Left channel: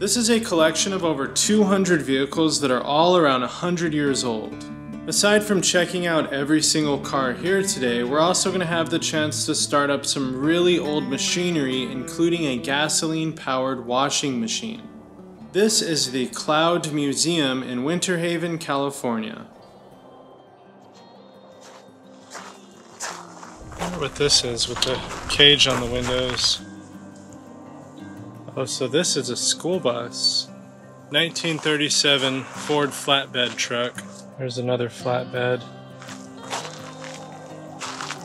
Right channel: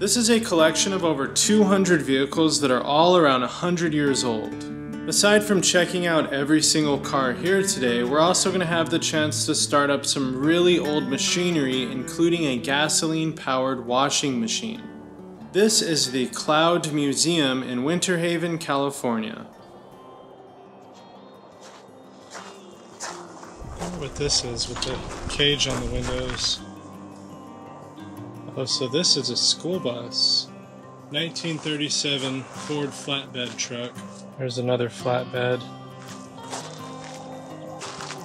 This is a collection of over 200 vehicles that are all around 100 years old. Aside from checking out every single car here today, we're also going to have the chance to start up some really old machinery, including a gasoline-powered washing machine. This is the Cloud Museum in Winterhaven, California. I wonder what this is with the cage on the windows. Oh, so this is a school bus. 1937 Ford flatbed truck. There's another flatbed.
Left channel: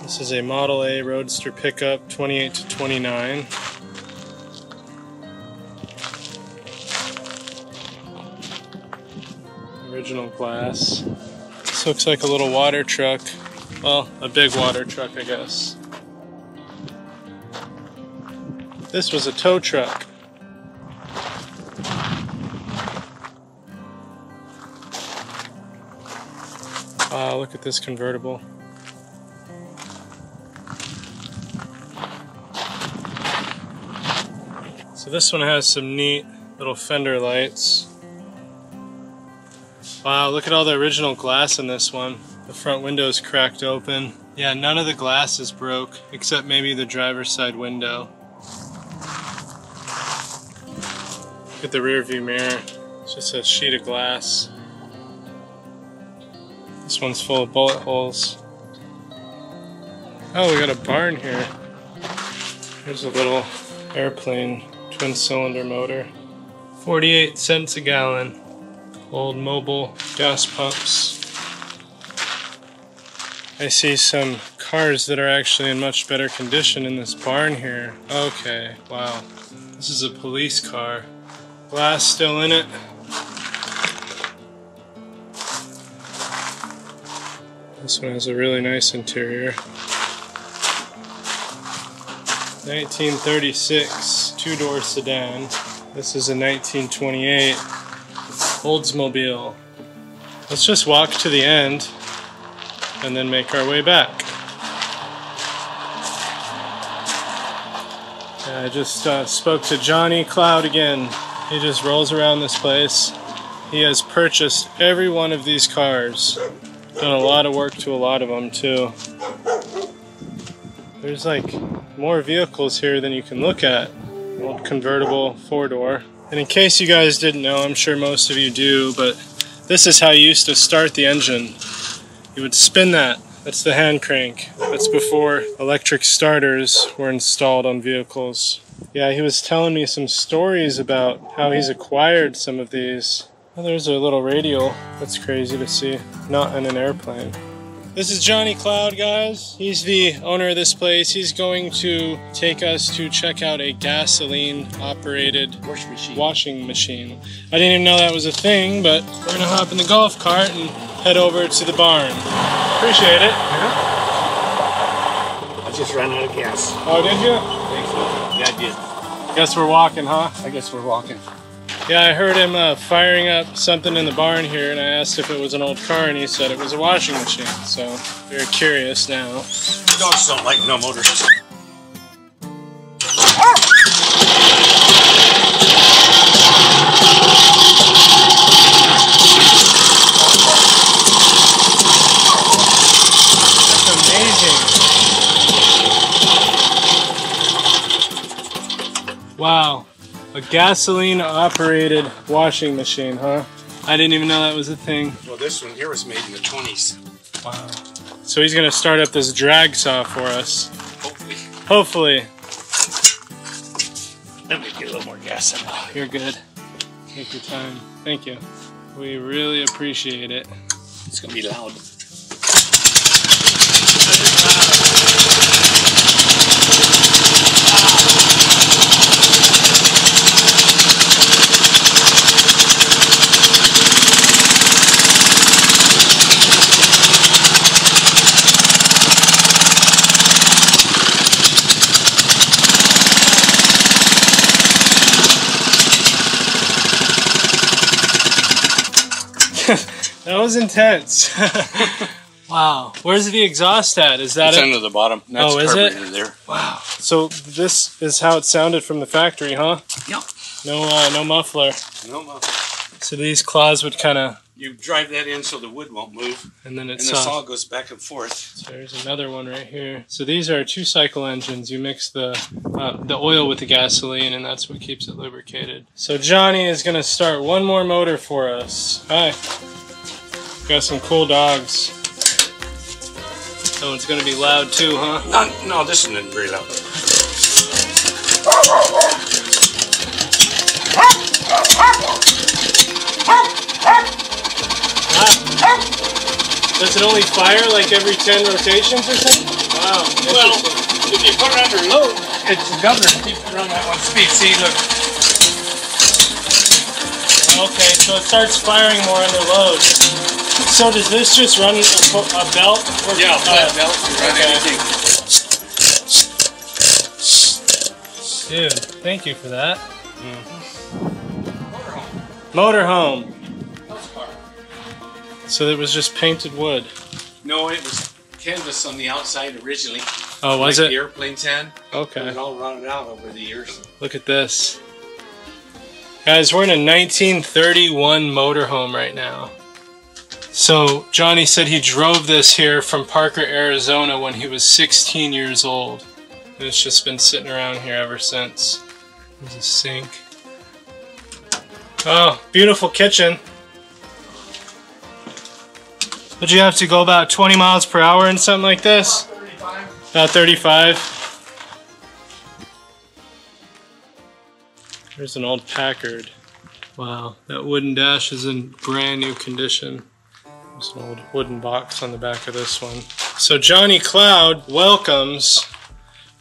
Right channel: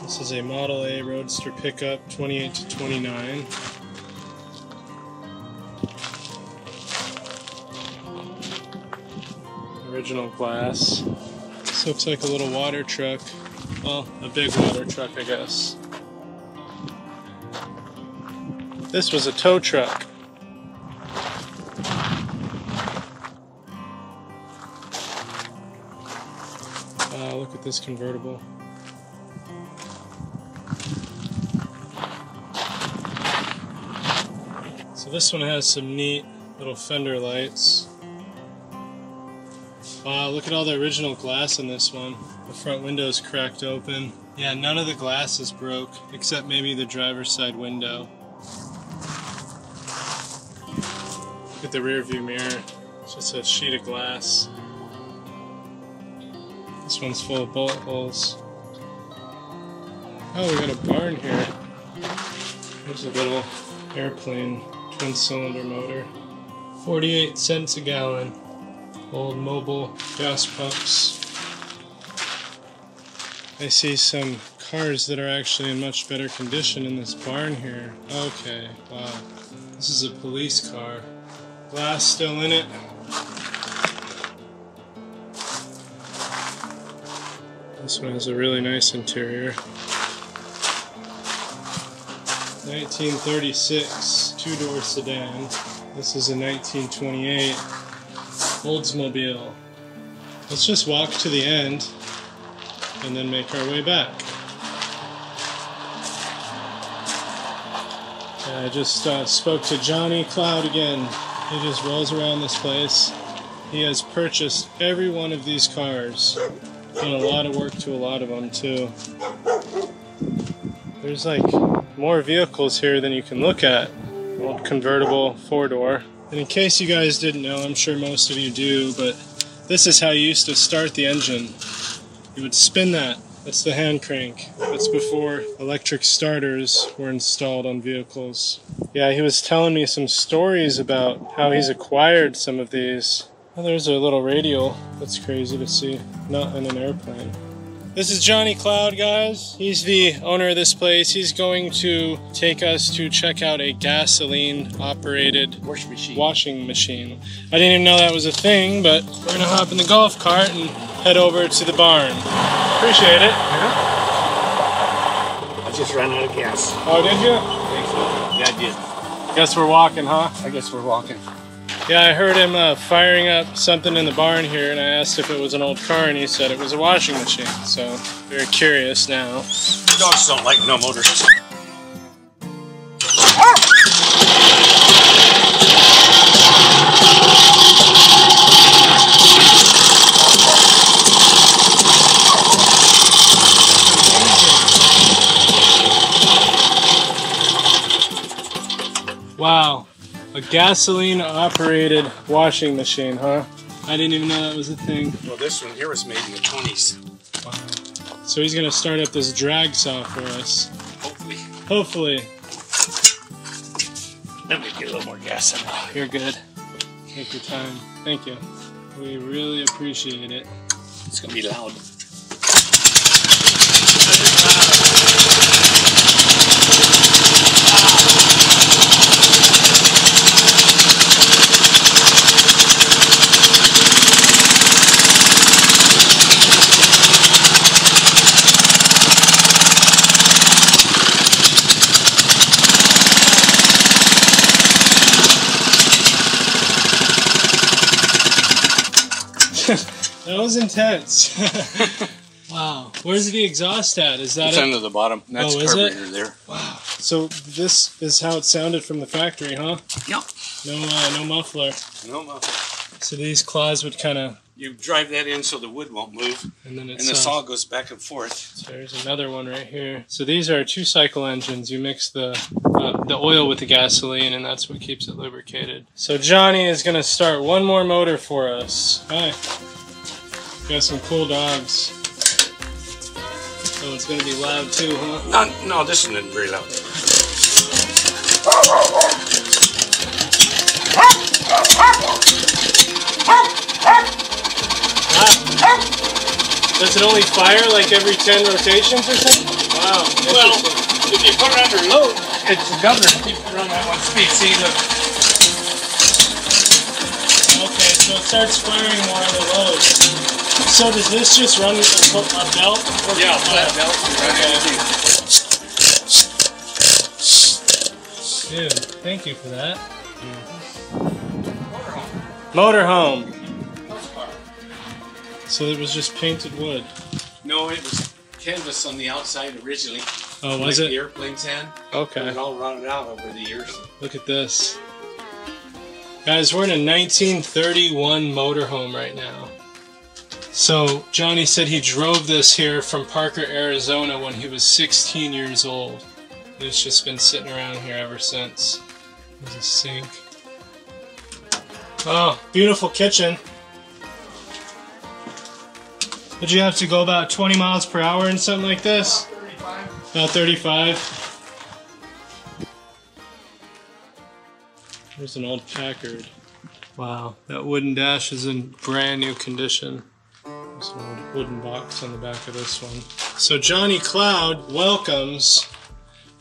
This is a Model A Roadster pickup, 28 to 29. Original glass. This looks like a little water truck. Well, a big water truck, I guess. This was a tow truck. Wow, look at this convertible. So this one has some neat little fender lights. Wow, look at all the original glass in this one. The front window's cracked open. Yeah, none of the glass is broke, except maybe the driver's side window. Look at the rear view mirror. It's just a sheet of glass. This one's full of bullet holes. Oh, we got a barn here. There's a little airplane, twin cylinder motor. 48 cents a gallon. Old mobile gas pumps. I see some cars that are actually in much better condition in this barn here. Okay, wow. This is a police car. Glass still in it. This one has a really nice interior. 1936 two-door sedan. This is a 1928 Oldsmobile. Let's just walk to the end and then make our way back. I just spoke to Johnny Cloud again. He just rolls around this place. He has purchased every one of these cars. Done a lot of work to a lot of them too. There's like more vehicles here than you can look at. Old convertible 4-door. And in case you guys didn't know, I'm sure most of you do, but this is how you used to start the engine. You would spin that. That's the hand crank. That's before electric starters were installed on vehicles. Yeah, he was telling me some stories about how he's acquired some of these. Oh, there's a little radial. That's crazy to see. Not in an airplane. This is Johnny Cloud, guys. He's the owner of this place. He's going to take us to check out a gasoline-operated washing machine. I didn't even know that was a thing, but we're gonna hop in the golf cart and head over to the barn. Appreciate it. Yeah. I just ran out of gas. Oh, did you? I think so. Yeah, I did. Guess we're walking, huh? I guess we're walking. Yeah, I heard him firing up something in the barn here, and I asked if it was an old car, and he said it was a washing machine. So, very curious now. Dogs don't like no motors. Wow. A gasoline-operated washing machine, huh? I didn't even know that was a thing. Well, this one here was made in the 20s. Wow. So he's going to start up this drag saw for us. Hopefully. Hopefully. Let me get a little more gas in it. You're good. Take your time. Thank you. We really appreciate it. It's going to be loud. That was intense. Wow. Where's the exhaust at? Is that it's under the bottom. That's is carburetor it? there. Wow. So this is how it sounded from the factory, huh? Yep. No muffler. No muffler. So these claws would kind of... You drive that in so the wood won't move, and then the saw goes back and forth. So there's another one right here. So these are 2-cycle engines. You mix the oil with the gasoline, and that's what keeps it lubricated. So Johnny is going to start one more motor for us. Hi. Got some cool dogs. That one's going to be loud too, huh? No, this one isn't very loud. Does it only fire like every 10 rotations or something? Wow. Well, if you put it under load, it's the governor keeps it on that one speed. See, look. Okay, so it starts firing more under load. So does this just run a belt? Yeah, flat belt. Okay. Dude, thank you for that. Motorhome. So it was just painted wood? No, it was canvas on the outside originally. Oh, was like it? the airplanes had. Okay. It all rotted out over the years. Look at this. Guys, we're in a 1931 motorhome right now. So Johnny said he drove this here from Parker, Arizona when he was 16 years old. And it's just been sitting around here ever since. There's a sink. Oh, beautiful kitchen. Would you have to go about 20 miles per hour in something like this? About 35. There's an old Packard. Wow, that wooden dash is in brand new condition. There's an old wooden box on the back of this one. So Johnny Cloud welcomes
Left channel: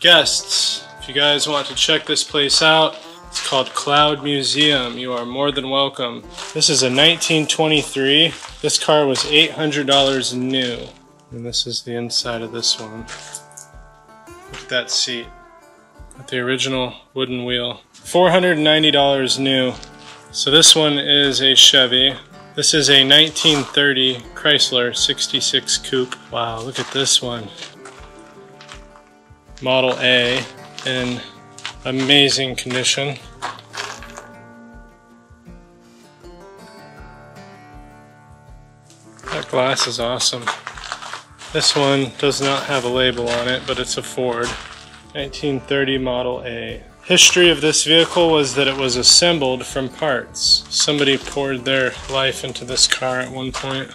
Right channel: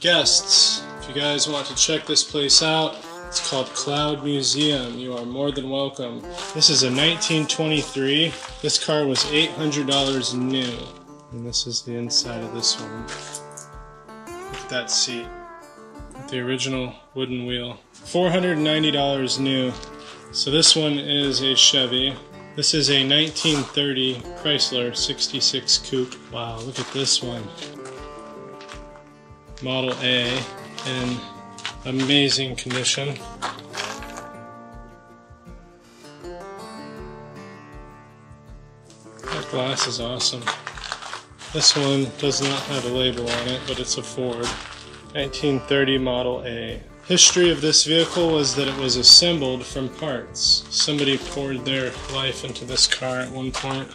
guests. If you guys want to check this place out, it's called Cloud Museum. You are more than welcome. This is a 1923. This car was $800 new. And this is the inside of this one. Look at that seat. With the original wooden wheel. $490 new. So this one is a Chevy. This is a 1930 Chrysler 66 Coupe. Wow, look at this one. Model A in amazing condition. That glass is awesome. This one does not have a label on it, but it's a Ford. 1930 Model A. History of this vehicle was that it was assembled from parts. Somebody poured their life into this car at one point.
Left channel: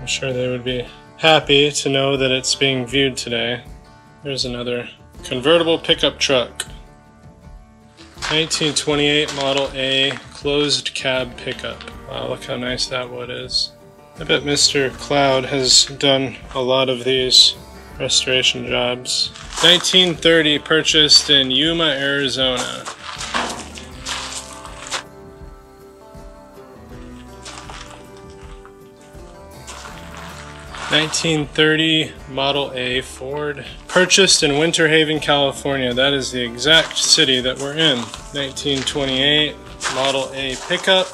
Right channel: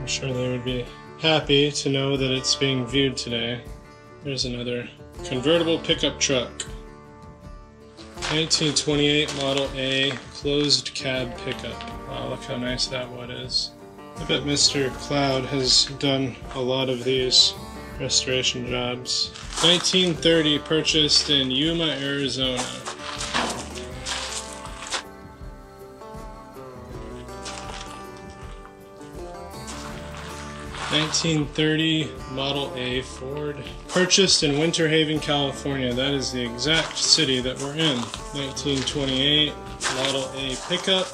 I'm sure they would be happy to know that it's being viewed today. There's another convertible pickup truck. 1928 Model A closed cab pickup. Wow, look how nice that wood is. I bet Mr. Cloud has done a lot of these restoration jobs. 1930, purchased in Yuma, Arizona. '30 Model A Ford, purchased in Winterhaven, California. That is the exact city that we're in. 1928 Model A pickup,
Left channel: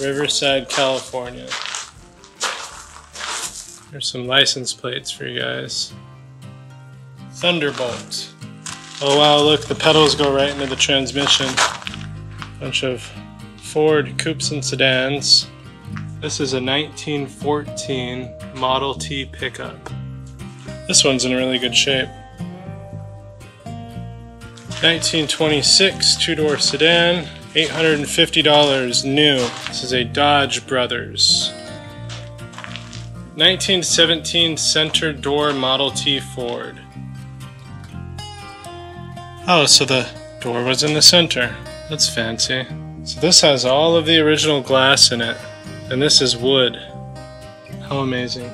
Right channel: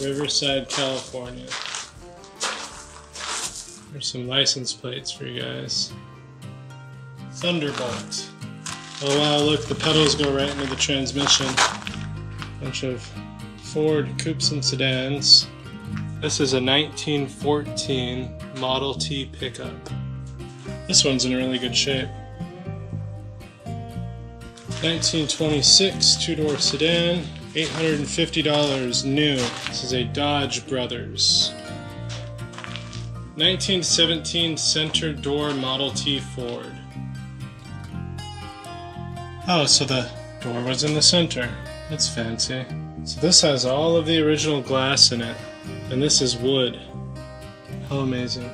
Riverside, California. There's some license plates for you guys. Thunderbolt. Oh wow, look, the pedals go right into the transmission. Bunch of Ford coupes and sedans. This is a 1914 Model T pickup. This one's in really good shape. 1926 two-door sedan, $850 new. This is a Dodge Brothers. 1917 center door Model T Ford. Oh, so the door was in the center. That's fancy. So this has all of the original glass in it, and this is wood. How amazing.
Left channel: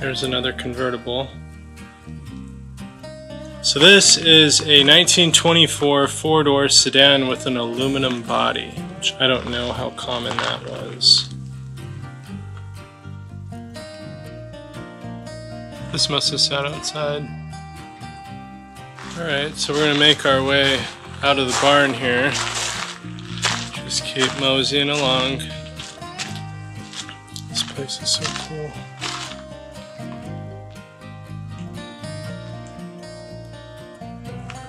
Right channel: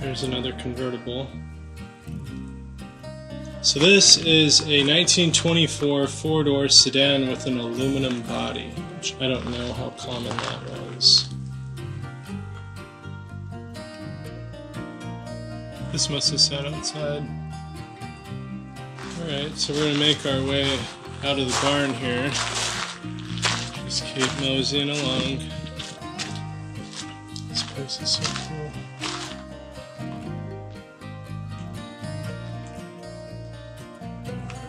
There's another convertible. So this is a 1924 four-door sedan with an aluminum body, which I don't know how common that was. This must have sat outside. Alright, so we're gonna make our way out of the barn here. Just keep moseying along. This place is so cool.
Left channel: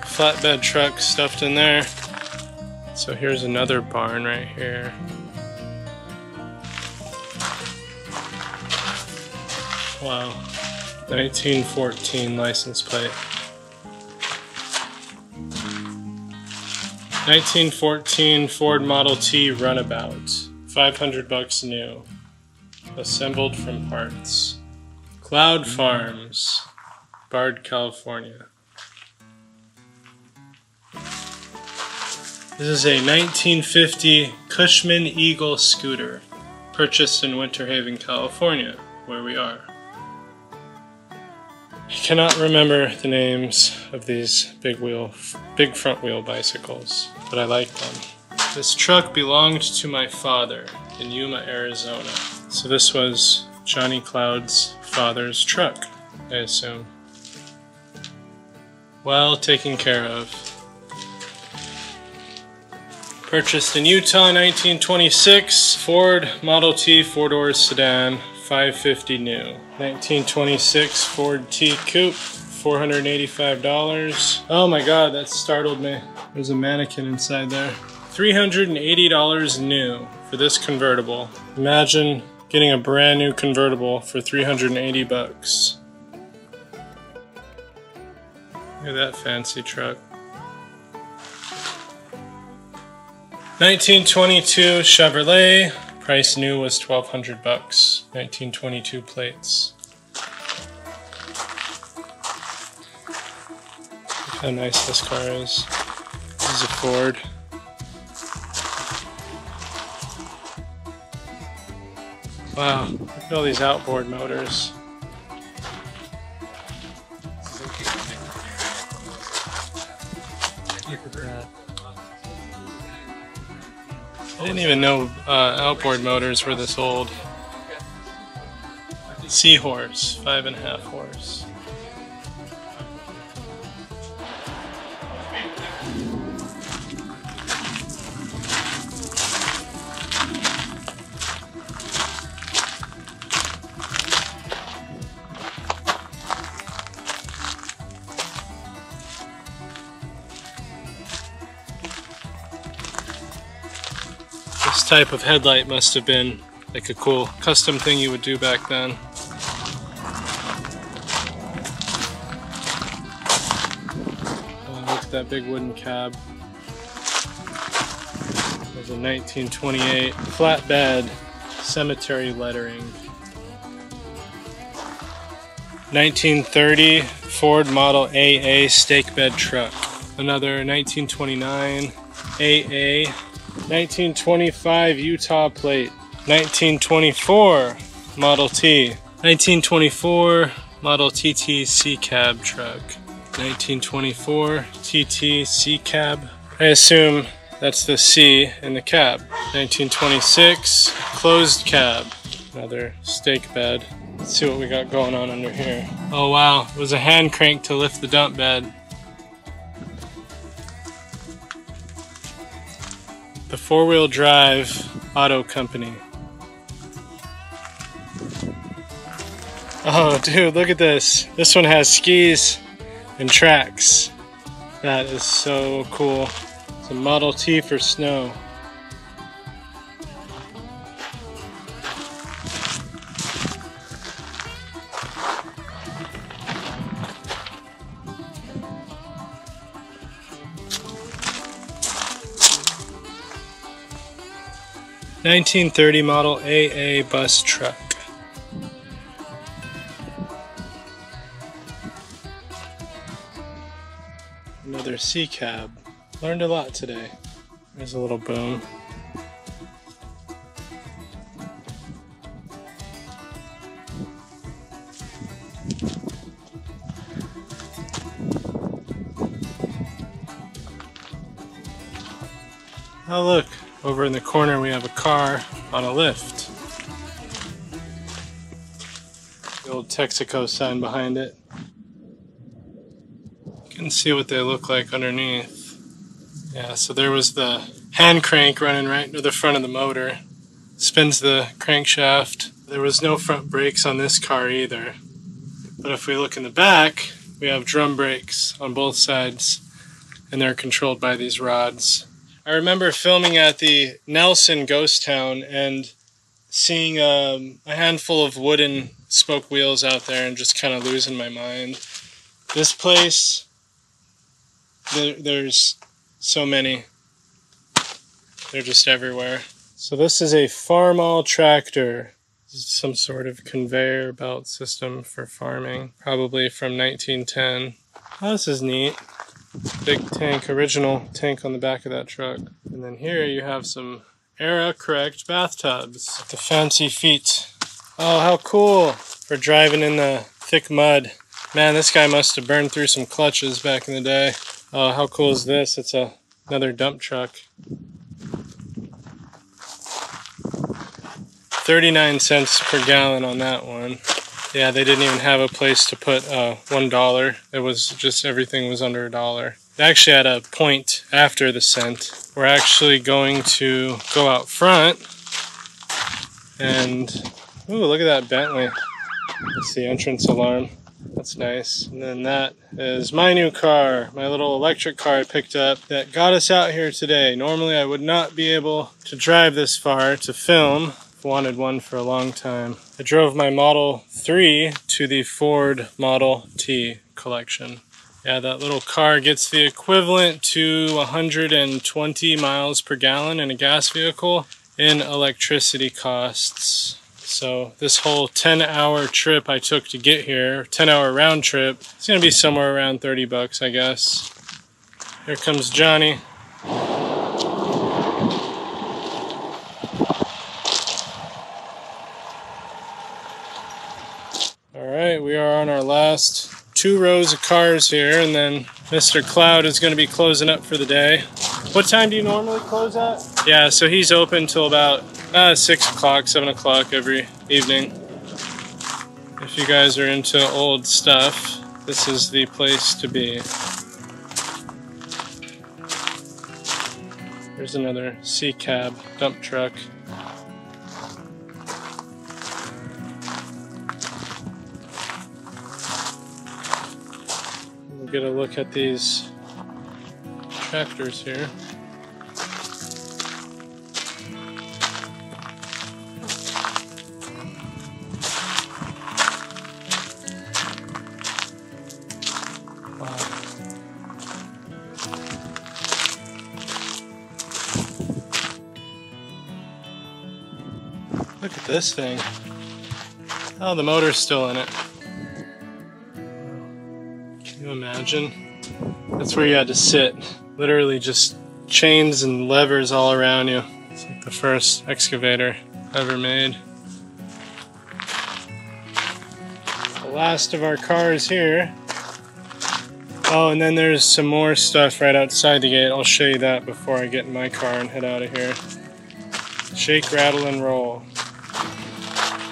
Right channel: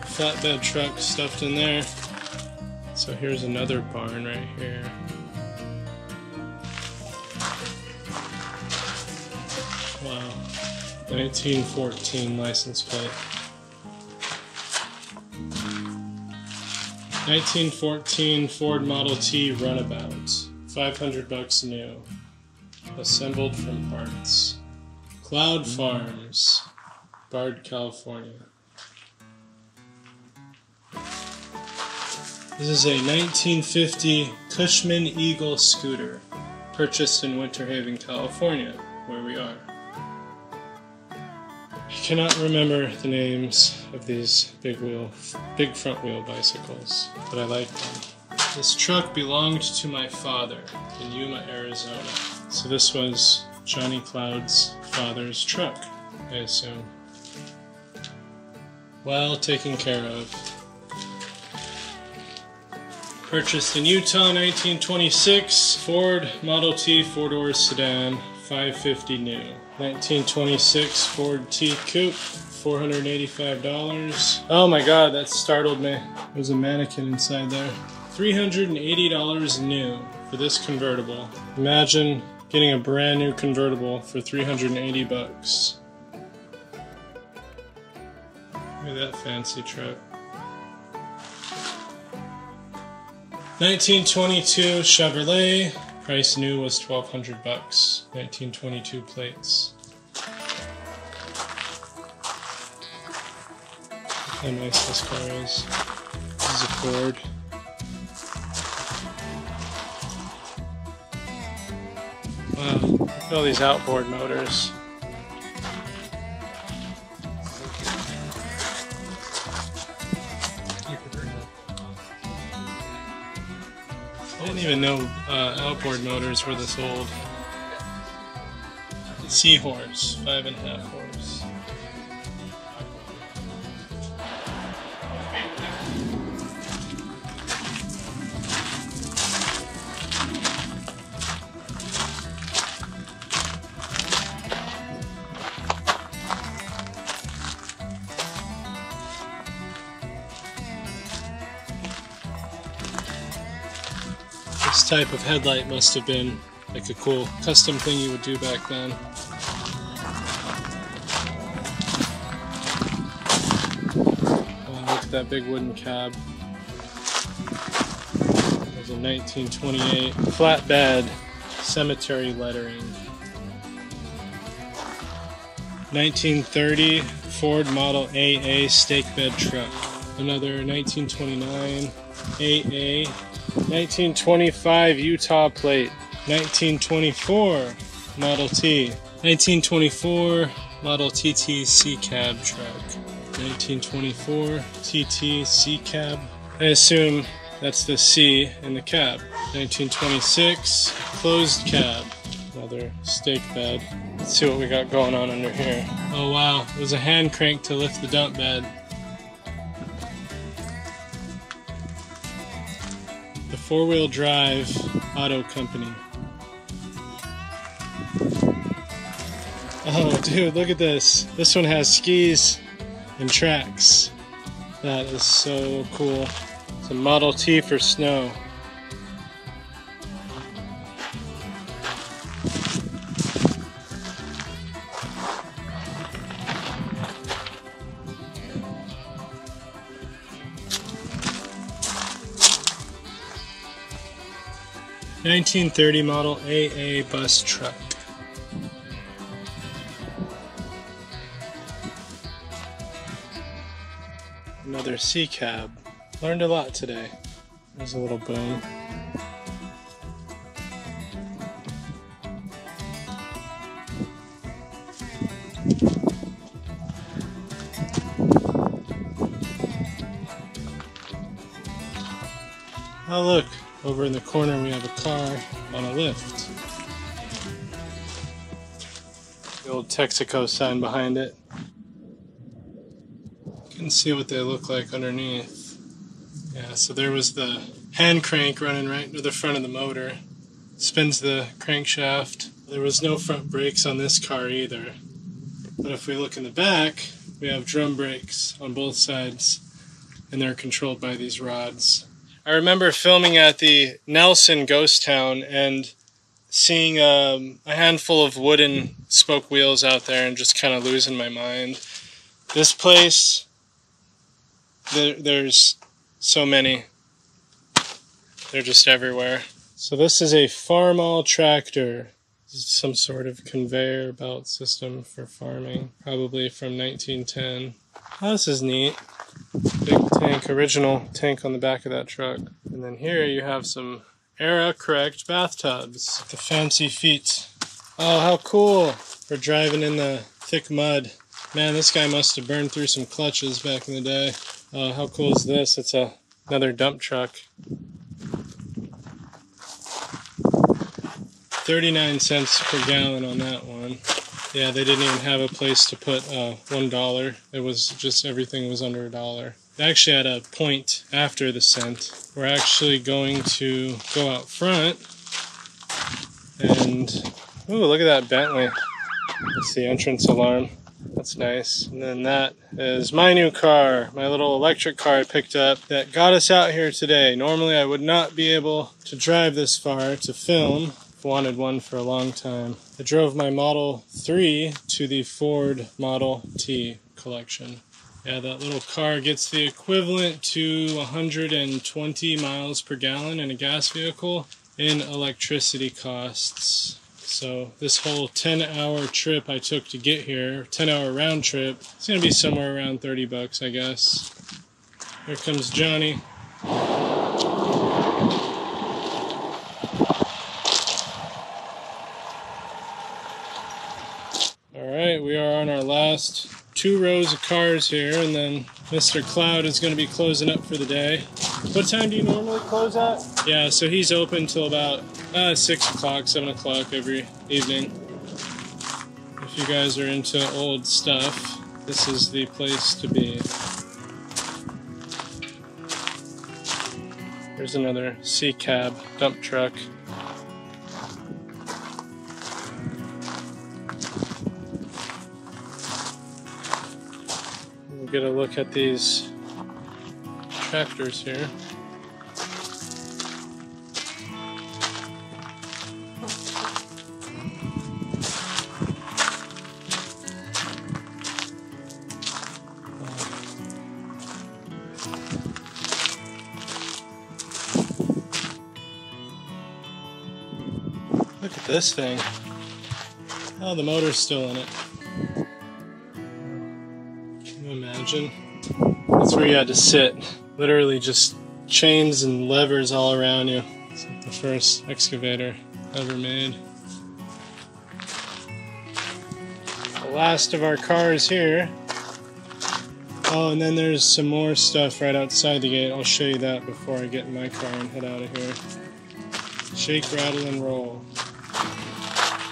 Flatbed truck stuffed in there. So here's another barn right here. Wow. 1914 license plate. 1914 Ford Model T Runabout. $500 new. Assembled from parts. Cloud Farms, Bard, California. This is a 1950 Cushman Eagle scooter, purchased in Winterhaven, California, where we are. I cannot remember the names of these big front wheel bicycles, but I like them. This truck belonged to my father in Yuma, Arizona. So this was Johnny Cloud's father's truck, I assume. Well taken care of. Purchased in Utah, 1926, Ford Model T 4-door sedan, $550 new. 1926 Ford T Coupe, $485. Oh my god, that startled me. There's a mannequin inside there. $380 new for this convertible. Imagine getting a brand new convertible for 380 bucks. Look at that fancy truck. 1922 Chevrolet. Price new was 1,200 bucks. 1922 plates. Look how nice this car is. This is a Ford. Wow, look at all these outboard motors. I didn't even know outboard motors were this old. Seahorse, 5.5 horse. This type of headlight must have been like a cool custom thing you would do back then. Oh, look at that big wooden cab. There's a 1928 flatbed cemetery lettering. 1930 Ford Model AA stake bed truck. Another 1929 AA. 1925 Utah plate. 1924 Model T. 1924 Model TT C cab truck. 1924 TT C cab. I assume that's the C in the cab. 1926 closed cab. Another stake bed. Let's see what we got going on under here. Oh wow, it was a hand crank to lift the dump bed. The 4-wheel drive auto company. Oh dude, look at this. This one has skis and tracks. That is so cool. It's a Model T for snow. (1930) model AA bus truck. Another C cab. Learned a lot today. There's a little boom. Oh look, over in the corner we have a car on a lift. The old Texaco sign behind it. You can see what they look like underneath. Yeah, so there was the hand crank running right into the front of the motor. Spins the crankshaft. There was no front brakes on this car either. But if we look in the back, we have drum brakes on both sides, and they're controlled by these rods. I I remember filming at the Nelson Ghosttown and seeing a handful of wooden spoke wheels out there and just kind of losing my mind. This place, there's so many. They're just everywhere. So this is a Farmall tractor. This is some sort of conveyor belt system for farming, probably from 1910. Oh, this is neat. Big tank, original tank on the back of that truck. And then here you have some era-correct bathtubs. The fancy feet. Oh, how cool for driving in the thick mud. Man, this guy must have burned through some clutches back in the day. Oh, how cool is this? It's another dump truck. 39 cents per gallon on that one. Yeah, they didn't even have a place to put $1. It was just everything was under $1. It actually had a point after the cent. We're actually going to go out front and ooh, look at that Bentley. That's the entrance alarm. That's nice. And then that is my new car, my little electric car I picked up that got us out here today. Normally I would not be able to drive this far to film. I've wanted one for a long time. I drove my Model 3 to the Ford Model T collection. Yeah, that little car gets the equivalent to 120 miles per gallon in a gas vehicle in electricity costs. So this whole 10-hour trip I took to get here, 10-hour round trip, it's gonna be somewhere around 30 bucks, I guess. Here comes Johnny. Alright, we are on our last 2 rows of cars here, and then Mr. Cloud is going to be closing up for the day. What time do you normally close at? Yeah, so he's open till about 6 o'clock, 7 o'clock every evening. If you guys are into old stuff, this is the place to be. There's another C-cab dump truck. Get a look at these tractors here. Wow. Look at this thing. Oh, the motor's still in it. Imagine. That's where you had to sit. Literally just chains and levers all around you. It's like the first excavator ever made. The last of our cars here. Oh, and then there's some more stuff right outside the gate. I'll show you that before I get in my car and head out of here. Shake, rattle, and roll.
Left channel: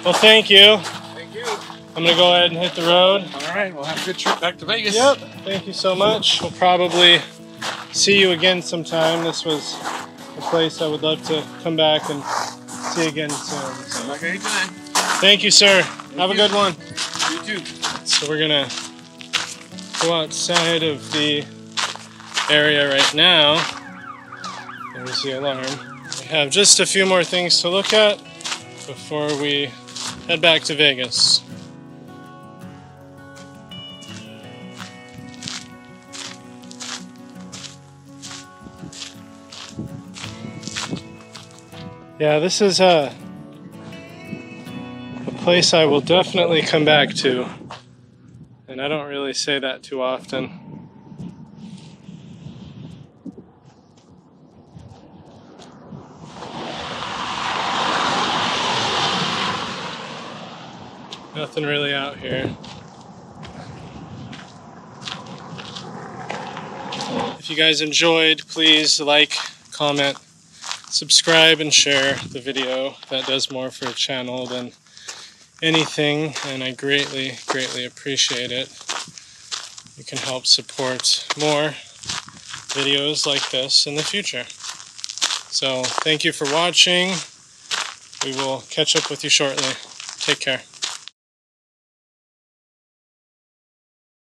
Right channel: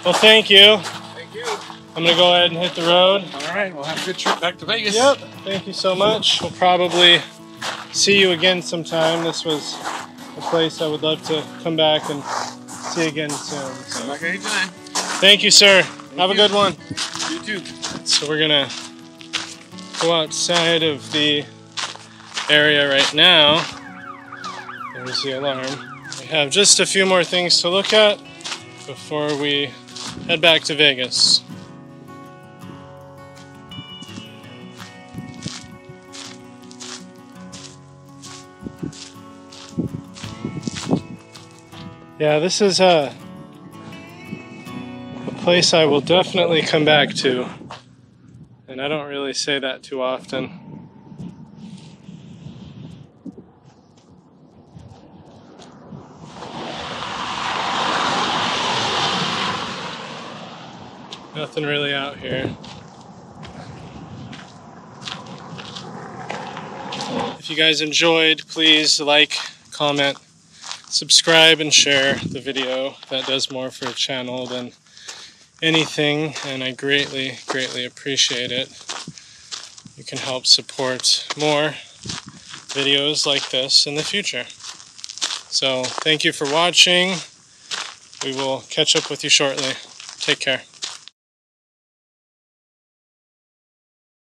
Well, thank you. Thank you. I'm going to go ahead and hit the road. All right, we'll have a good trip back to Vegas. Yep, thank you so much. We'll probably see you again sometime. This was a place I would love to come back and see again soon. Come back anytime. Thank you, sir. Have a good one. You too. So we're going to go outside of the area right now. There's the alarm. We have just a few more things to look at before we head back to Vegas. Yeah, this is a place I will definitely come back to, and I don't really say that too often. Nothing really out here. If you guys enjoyed, please like, comment, subscribe, and share the video. That does more for the channel than anything, and I greatly, greatly appreciate it. You can help support more videos like this in the future. So, thank you for watching. We will catch up with you shortly. Take care.